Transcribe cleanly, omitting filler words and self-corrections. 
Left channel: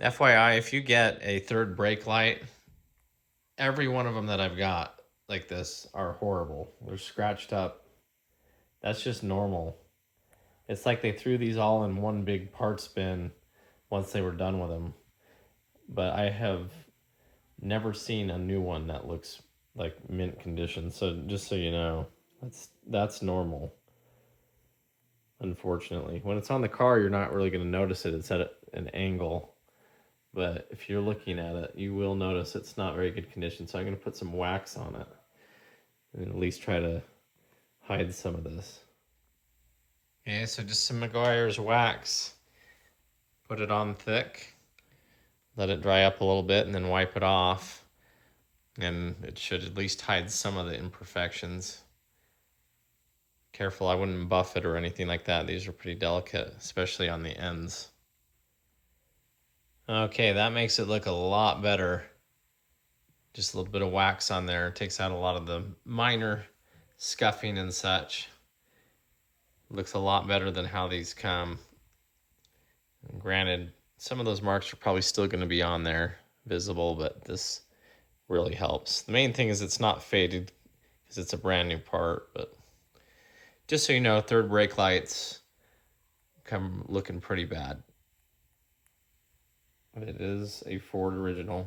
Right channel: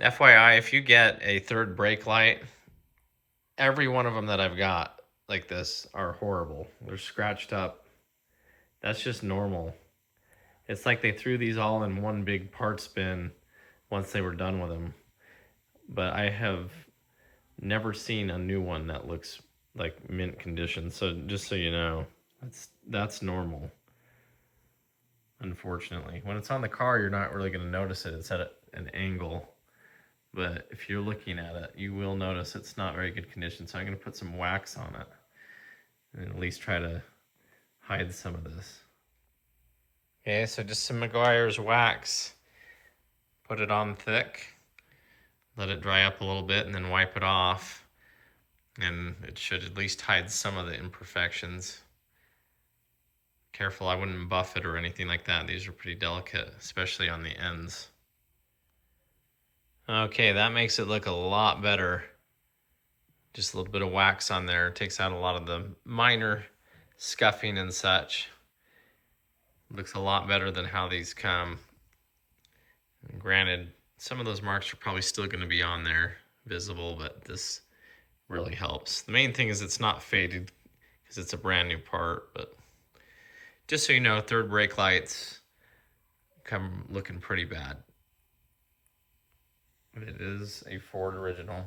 FYI, if you get a third brake light, every one of them that I've got like this are horrible. They're scratched up. That's just normal. It's like they threw these all in one big parts bin once they were done with them. But I have never seen a new one that looks like mint condition. So just so you know, that's normal. Unfortunately, when it's on the car, you're not really going to notice it. It's at an angle. But if you're looking at it, you will notice it's not very good condition. So I'm going to put some wax on it and at least try to hide some of this. Okay, so just some Meguiar's wax. Put it on thick. Let it dry up a little bit and then wipe it off. And it should at least hide some of the imperfections. Careful, I wouldn't buff it or anything like that. These are pretty delicate, especially on the ends. Okay, that makes it look a lot better. Just a little bit of wax on there. It takes out a lot of the minor scuffing and such. Looks a lot better than how these come. And granted, some of those marks are probably still going to be on there, visible, but this really helps. The main thing is it's not faded because it's a brand new part, but just so you know, third brake lights come looking pretty bad. But it is a Ford original.